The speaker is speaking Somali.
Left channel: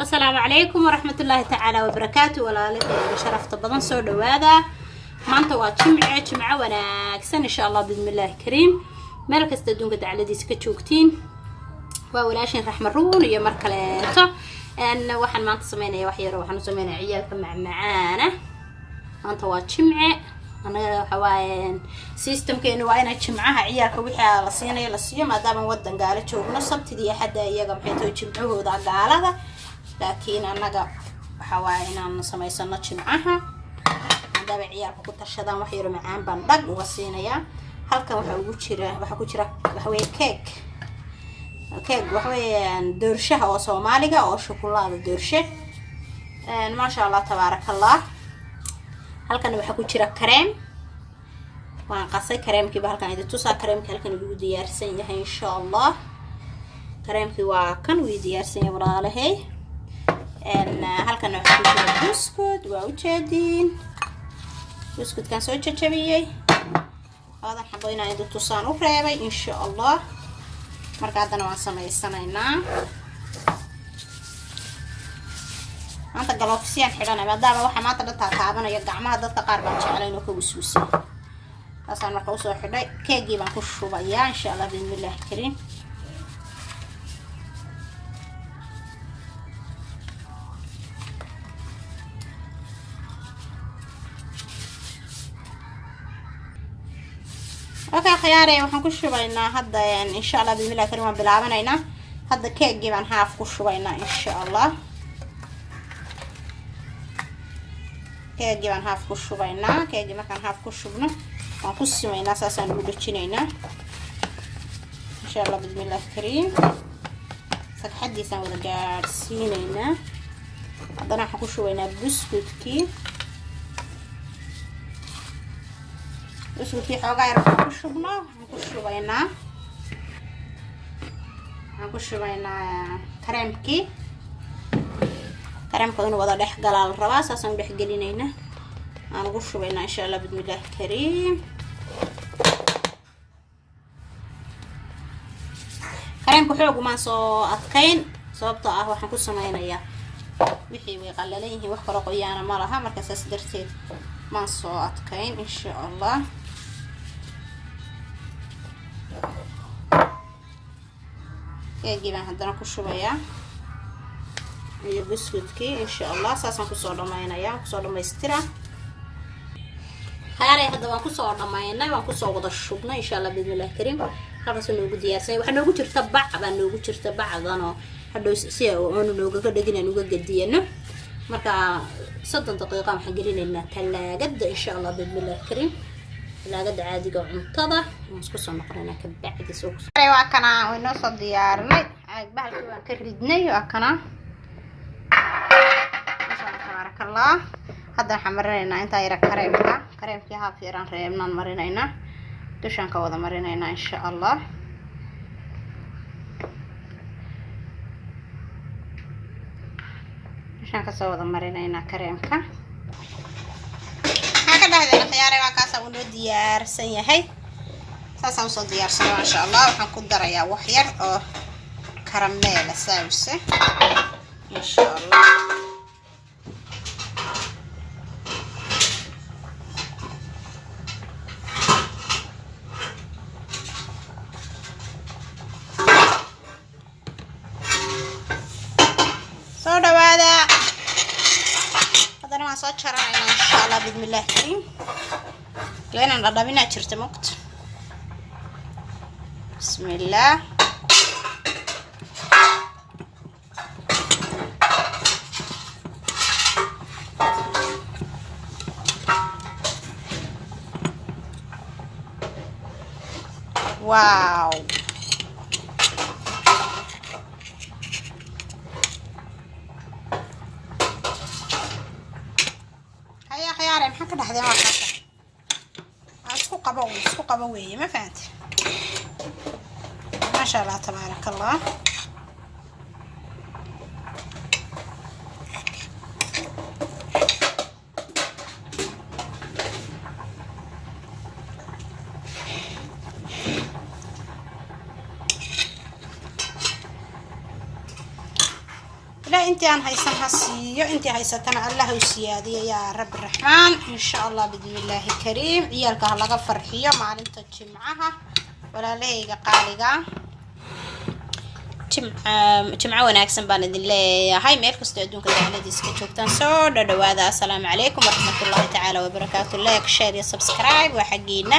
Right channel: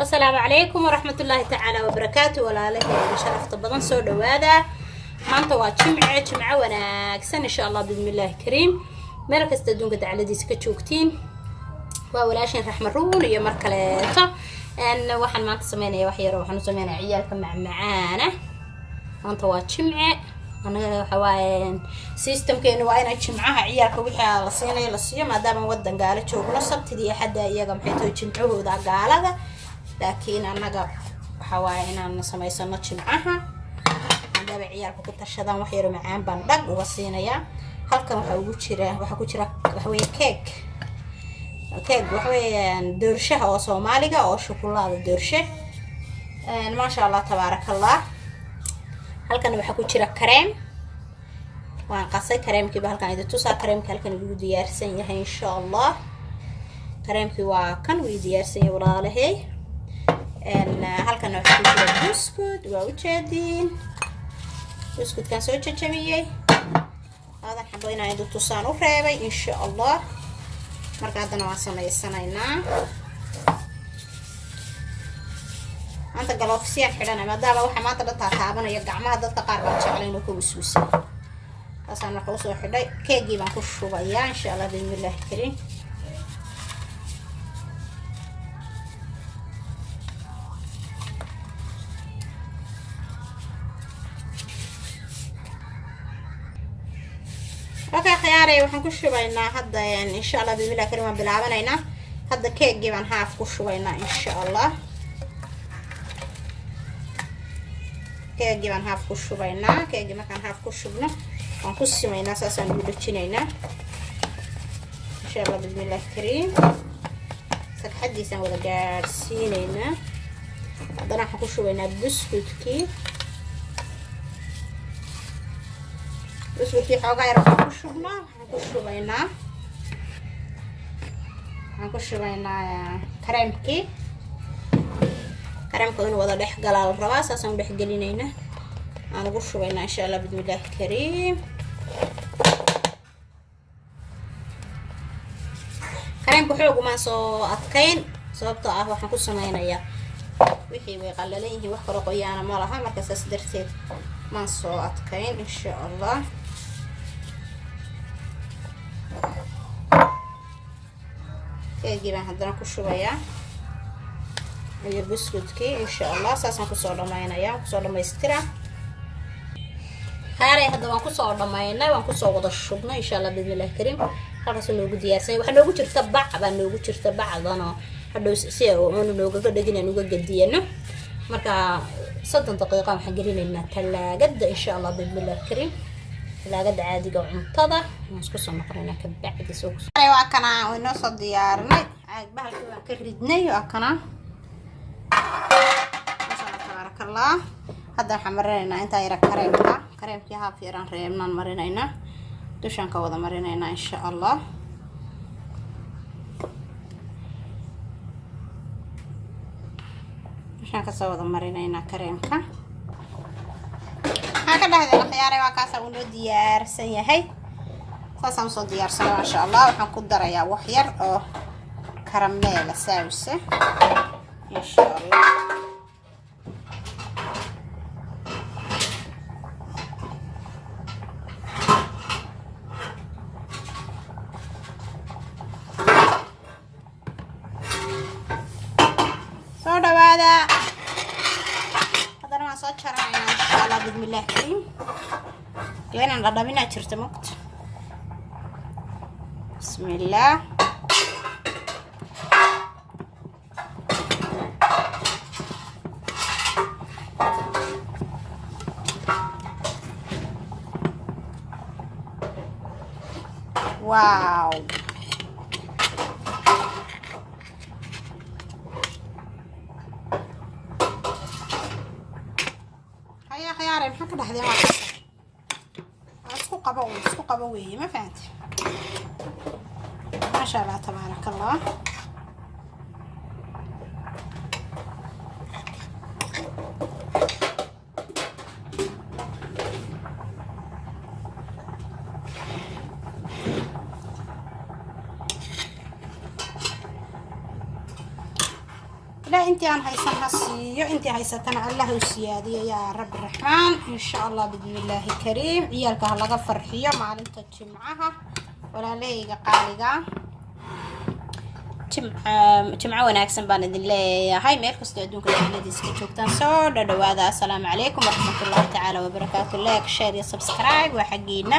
السلام عليكم ورحمة الله تعالى وبركاته. ولا لك شرفت بدن سو دوادا maanta waa jimco wanaagsan insha Allah bismillaah kariim meel kasta adduunka dacaladiisa ka joogtiin waa walaashin raxma ruun iyo mar kaleeto waxaan maanta sameeynaa wax yar waxaan sameeynaa ciyaalka macmacaana maanta waa jimce anaga waxa waaye systemkeena waa inay jimcaha ciyaalka wixii la siinay la siiyo maadaama wadan gaala joogno sabtidii xadda iyaga maxay tahay jimcahooda gaalada laakiin anaga waxa waaye inaan sameysano jimcaha daba ciyaalku ku tashadaan wax yar macaan baan dhag uga siinaya halkan waxa ku jira waxa weeye cake waxa weeye doorshaha oo Soomaaliga oo shukulada doorshe ma sha Allah tabarakallah halkan waxa ku jira kareem waan qasay kareemkii ba halkan idin tusaa kareemka halkan ugu diyaarsan yahay insha Allah kareemkii waa kan uu diyaarsan yahay walaalahay halkan waxa ku jira biscuit waa u jeedin biscuit kan soo jajabiyay هذا حبينا عند تصان وفرابي إن شاء الله مركز أنا واسمة السنة أنت قالوا في سياق حلنا ما دام واحد ما تقدر تعبنا يرجع ما هذا تقارب علينا كوسوسي أصلا نقصه حدا كيجي ما كوشوا بيا إن شاء الله بإذن الله الكريم اوكي خياري waxaan ku shubaynaa hadda insha Allah bismillaah karim waan bilaabanayna hadda keegii baan haaf ku shubaynaa insha Allah keegii baan haaf ku shubaynaa keegii markaan haaf ku shubno waan ku simeynaa saasaan u dhijinaynaa insha Allah bismillaah karim sagxadiisaan wada gaarsiinaynaa haddana waxaan ku shubaynaa biscuitkii biscuitkii xoogaa yar ku shubno waxaan ku shubaynaa kareemkii kareemkooda wada dhex galaal rabaa saasaan dhex gelinaynaa aan ugu shubaynaa insha Allah bismillaah kariim kareemku xoog uma soo adkayn sababtoo ah waxaan ku sameynayaa wixii way qalalan yihiin wax kala qoyaan ma laha marka saas darteed ma soo adkayn insha Allah keegii baan haddana ku shubayaa iyo biscuitkii insha Allah saasaan ku soo dhamaynayaa ku soo dhamaystira haare hadda waan ku soo dhamaynay waan ku soo wada shubnay insha Allah bismillaah kariim halkaas loogu diyaarsan waxa noogu jirta bac baan noogu jirta bacdano hadhow si oo nooga ka dhigin uga gadiyano marka 30 daqiiqo waxaan gelinaynaa talaagada insha Allah bismillaah kariim talaagada caadiga cuntada waan isku soo noqonayna ka bacdi soo waa kana wayno soo diyaarnay bahalkii waan ka ridnay waa kana masha Allah tabarakallah hadda waxaan marinaynaa inta yara kareemkii haaf yaraan reebnaan marinaynaa dushaan ka wada marinaynaa insha Allah dushaan ka soo wada marinaynaa kareemka dhahdeena khiyaaray waa kaas uu diyaarsan yahay saasaan soo diyaarsanay ma sha Allah waxaan ku darayaa wax yar oo karameel sauce ma sha Allah soo dhawaada ما صار شرعنا إن شاء الله بسم الله الكريم لين نضربنا شرت مقت بسم الله واو خياري maxaa ka dhaxday waa isku qabo weeye ma fahanti ma sha Allah tabarakallah لا انت عن هيسن هسيو انت هيستنا الله وسيادي يا رب الرحمن ان شاء الله باذن الله الكريم عيالك هلا فرحيه maalinta jimcaha walaalahayga qaaliga jimca wanaagsan baan idin leeyahay meel kasta adduunka dacaladiisa ka joogtaan soo dhawaada assalaamu calaykum waraxmatullaahi tacaala wabarakaatu like share iyo subscribe waa xageena